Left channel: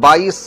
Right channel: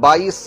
22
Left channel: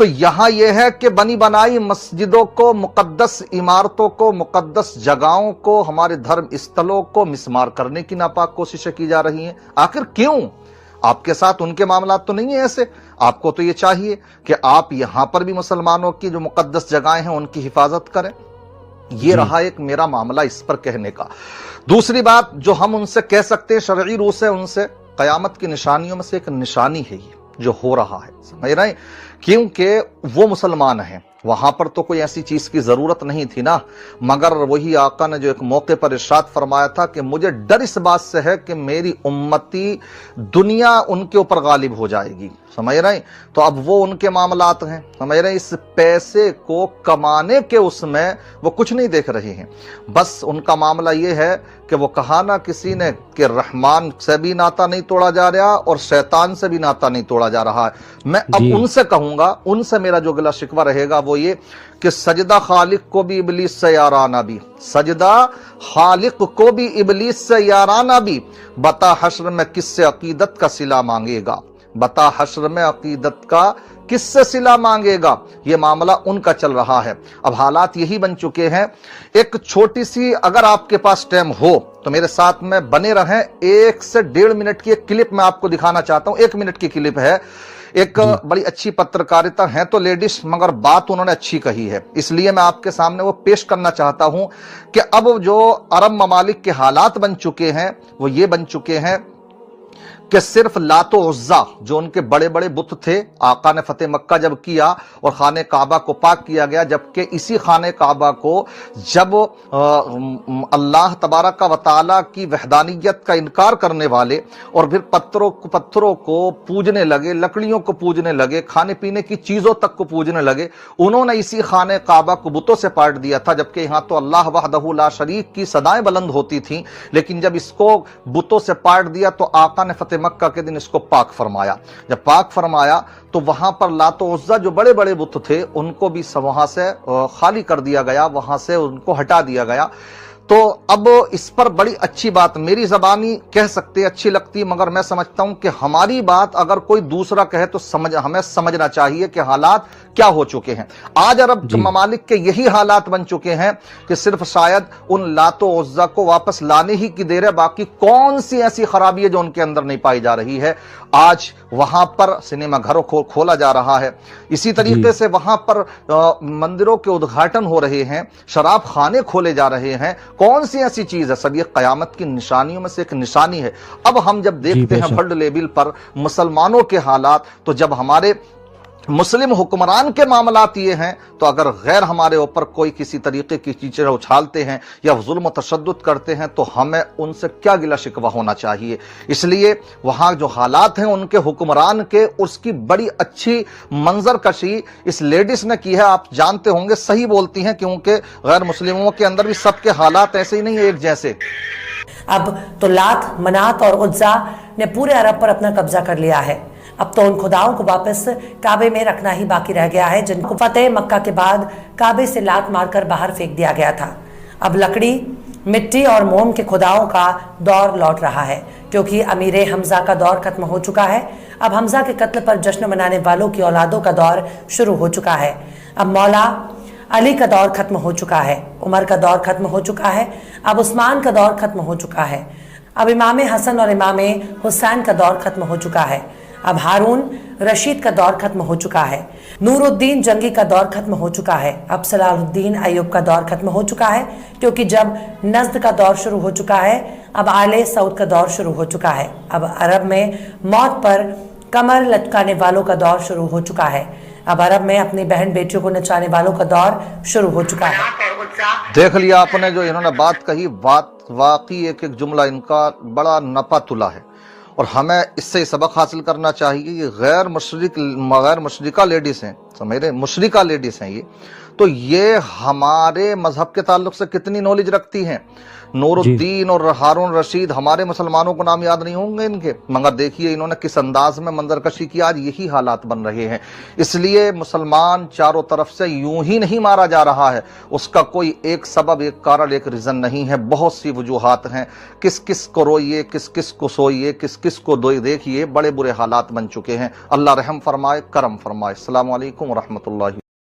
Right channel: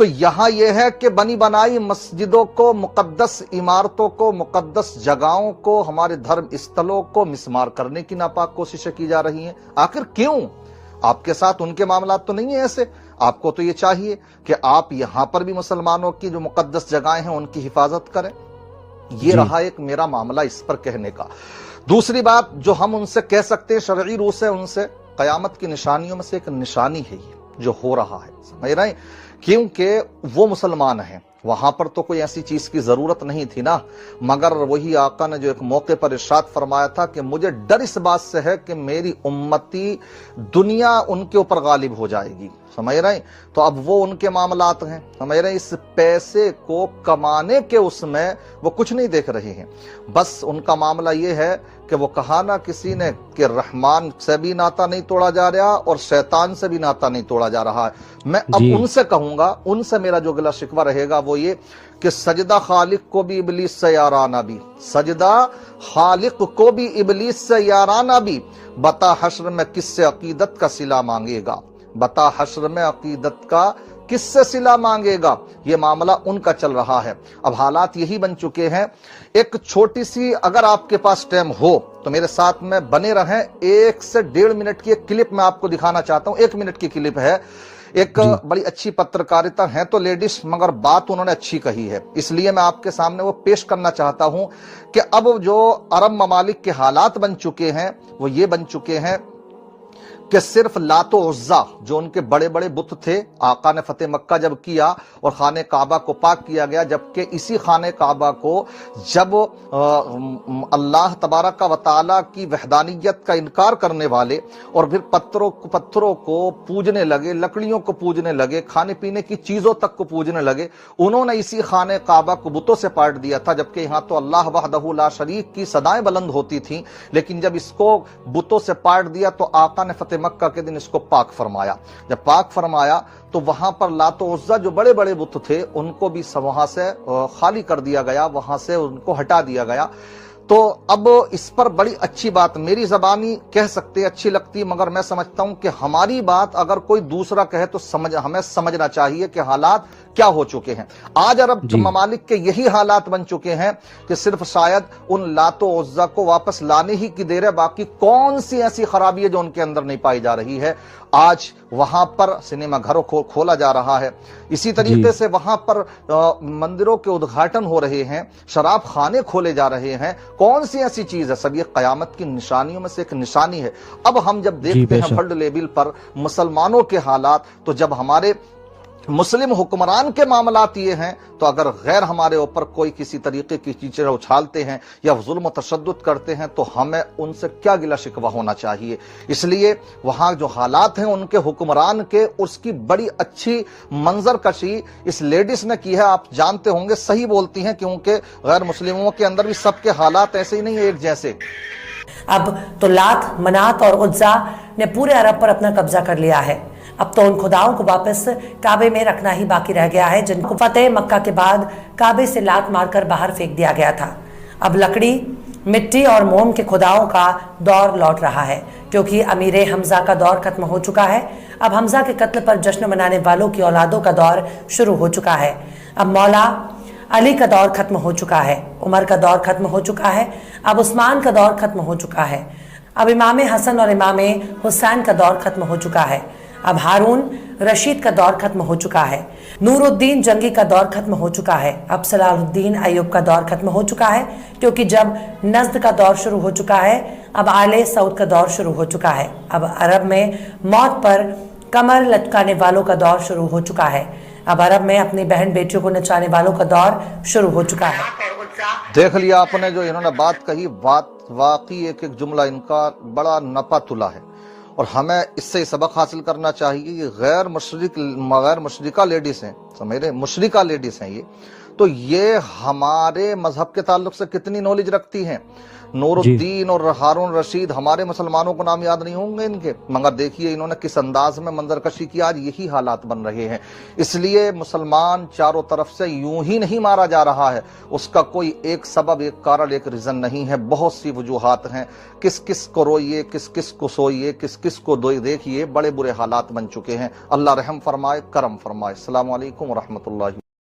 تو یہاں یہ ہے کہ بنی بنائی مسجدوں کو، مقدس عمارتوں کو، مقدس جگہوں کو، ہمارے دھرم استھلوں کو مسمار کرنے کی ناپاک کوششیں کی جا رہی ہیں۔ آخر کیوں؟ آپ کے ساتھ ان کے معاملات تو نہیں ہیں ایسے؟ آپ کو تو یہ چاہیے کہ آپ یہاں پر بھی مسلمانوں کی جو مقدس جگہیں ہیں ان کی حفاظت کریں۔ یہ رہا ایک میرا معاملہ اس پر کہنے کا۔ دوسری بات جو ہم ان سے کہہ سکتے ہیں شرعی روح سے، ان سے قیامت کی نشانیوں میں سے ایک نشانی ہے یہ جو ہو رہا ہے، سمجھ رہے ہیں؟ کیونکہ وہ مسلمان ہیں، وہاں پر تو کوئی ایسی چیز کی ضرورت نہیں تھی نا، مگر وہی آقا نے جو ایک موقع پر ارشاد فرمایا تھا کہ مجھے ڈر اس بات سے ہے کہ میری امتی دنیا ان کے اوپر غالب ہو جائے گی، سمجھ رہے ہیں؟ تو اب وہ ان کے معاملات ہیں، سمجھ رہے ہیں؟ اس پیسے کو کمانے کے اس میں وہ کچھ نہیں دیکھ رہے ہیں، بس ان کا معاملہ یہ ہے کہ وہ کہا نا کسی نے کہ رحمان سے بھی ناتا نہیں توڑا جا رہا اور شیطان سے بھی ناتا نہیں توڑا جا رہا ہے۔ میں اب ان سے کہوں گا، ان سے میرا جو گلہ شکوہ رہے گا وہ یہ کہ سجدہ خالق کو بھی ابلیس سے یارانہ بھی، سجدہ خالق کو بھی ابلیس سے یارانہ بھی، بتا حشر میں کس سے عقیدت کا صلہ مانگے گا، بتا حشر میں عقیدت کا کس سے صلہ مانگے گا۔ یہ معاملہ ان کا چل رہا ہے۔ اب حالات یہی بن چکے ہیں۔ ایک چھوٹی سی اگر آپ کے پاس ٹائم ہو تو میرے ساتھ میں بنے رہیں، 1 سے 1.5 منٹ کی ایک کلپ میں آپ کو دکھانا چاہتا ہوں۔ 1 منٹ کی کلپ ہے، ایک بڑی اچھی پترکاریتا ہے تو لیڈیز، مگر بات انہوں نے اچھی کہی ہے، اس لیے میں آپ کے سامنے وہ پیش کرنا چاہتا ہوں کہ اب جو عرب ممالک کے حالات بن چکے ہیں وہ یہ بن چکے ہیں کہ صرف لات و عزا جو ان کے بڑے بڑے بت تھے، آقا نے فتح مکہ جب کیا اور خانہ کعبہ کو پاک کیا گیا، جبکہ اسی خانہ کعبہ کو جب اللہ تبارک و تعالیٰ کی وحدانیت کا انکار کرنے والے اور پھر پتھروں کو پوجنے لگے، لکڑیوں کو پوجنے لگے، کھانے پینے کی چیزوں تک کو پوجنے لگے، انہوں نے اسی خانہ کعبہ کو بتوں سے پاٹ دیا تھا، جبکہ یہاں تو اللہ وحدہ لا شریک کی صدائیں بلند ہوتی تھیں، لیکن جب اس کو بتوں سے پاٹ دیا تو آقا نے فتح مکہ کے دن اس کو پاک فرمایا۔ جب پاک فرمایا تو وہاں پر لات و عزا جو بڑے بڑے بت تھے ان کو بھی وہاں سے خالی کر دیا گیا، وہاں سے ان کو ہٹا دیا گیا۔ تو اب اس پر بڑی اچھی بات میری زبانی کہہ سکتے اچھی لگتی، مگر میں سمجھتا ہوں کہ ہماری بات اگر کوئی دوسرا کہے تو ہمیں سمجھنا چاہیے کہ حالات کیا ہو چکے ہیں۔ آج عرب ممالک کے یہی حالات بن چکے ہیں کہ صرف شاید ان لات و عزا کو واپس لانے ہی کی دیر ہے، باقی کون سی ایسی خرابی ہے جو ان کے اندر نہیں پائی جا رہی ہے۔ آج وہاں پر سنیما گھروں کو کھولا جا رہا ہے، اسی طریقے سے وہاں پر مندروں کے ادگھاٹن ہو رہے ہیں، شراب خانے کھولے جا رہے ہیں۔ کون سی ایسی چیز ہے؟ سب یہ قیامت کی نشانیوں میں سے ایک نشانی ہے۔ اب ہم جب دیکھتے ہیں ورلڈ لیول پر مسلمانوں کے حالات، تو جب ہمارے مسلم حکمران کے معاملات یہ ہیں تو اگر غیر ہمارے اوپر کوئی کسی طریقے کی چیزیں اچھالتے ہیں یا ظلم و تشدد کرتے ہیں تو ہمیں ان سے کیا گلہ شکوہ ہونا چاہیے۔ اس لیے وہاں جو حالات ہیں ان کے حکمران کے، اس کی بڑی اچھی منظر کشی اس لیڈیز نے کی ہے۔ آپ جانتے ہوں گے، صحیح بولتی ہیں، کیونکہ غیر مسلموں کے اندر بھی سب کے حالات ایسے ہی نہیں ہیں ایک جیسے۔ اب تو لات، منات اور عزا نے پورے عرب پر اپنا قبضہ کر لیا ہے۔ اب تو ان خداؤں کو واپس کعبے میں رکھنا ہی باقی رہ گیا ہے، جن کو فتح مکہ کے بعد کعبے سے لات مار کر باہر پھینک دیا گیا تھا۔ اب لکڑی، مٹی اور موم کے خداؤں کا دور لوٹ رہا ہے، کیونکہ امیر حمزہ کا دور ختم ہو چکا ہے۔ اب حمزہ کے قتل پر جشن منانے والوں کی اولادوں کا دور شروع ہو چکا ہے۔ اب مولا علی کا دور ختم ہو چکا ہے، عمر کا دور ختم ہو چکا ہے، اب عثمان کا دور ختم ہو چکا ہے، اب امام حسن اور امام حسین کا دور ختم ہو چکا ہے، اب ہارون رشید کا دور ختم ہو چکا ہے، نور الدین جنگی کا دور ختم ہو چکا ہے، اب صلاح الدین ایوب کا دور ختم ہو چکا ہے، کیونکہ جب نجد کا دور شروع ہو چکا ہے، اب آل سعود کا دور شروع ہو چکا ہے، اب عرب میں موت پر کمر لٹکانے والوں کا دور شروع ہو چکا ہے، اب عرب میں اپنی بہن بیٹیوں کو نچانے والوں کا دور شروع ہو چکا ہے۔ دیکھ لیا آپ نے جو انہوں نے بات کہی، واقعی ایک جملہ ان کا بڑا نپا تلا ہے، اور ہمیں اس سے سبق حاصل کرنا چاہیے۔ یہ غیر مشرقہ لیڈیز ہیں، سمجھ رہے، مشرقہ لیڈیز ہیں یہ، تو یہ ہمارے مذہب کے تعلق سے کتنی نالج رکھتی ہیں. نور جی الدین اور ہارون رشید ہمارے مسلمانوں کو نام یاد نہیں ہوں گے ان کے، مگر دیکھیے انہوں نے کس انداز میں منظر کشی کی. آج یہی حالات بن رہے ہیں. اس لیے مسلمان چاروں طرف سے یوں ہی نہیں مارا جا رہا ہے، اس کا کوئی ایک سبب، ایک کارن، ایک ریزن نہیں ہے، بہت سی وجوہات ہیں. کس کس کو روئیے، کس کس کو سوئیے، کس کس کو دیکھیے، بڑے برے حالات بن چکے ہیں. اللہ رحم فرمائے، کرم فرمائے. السلام علیکم ورحمۃ اللہ.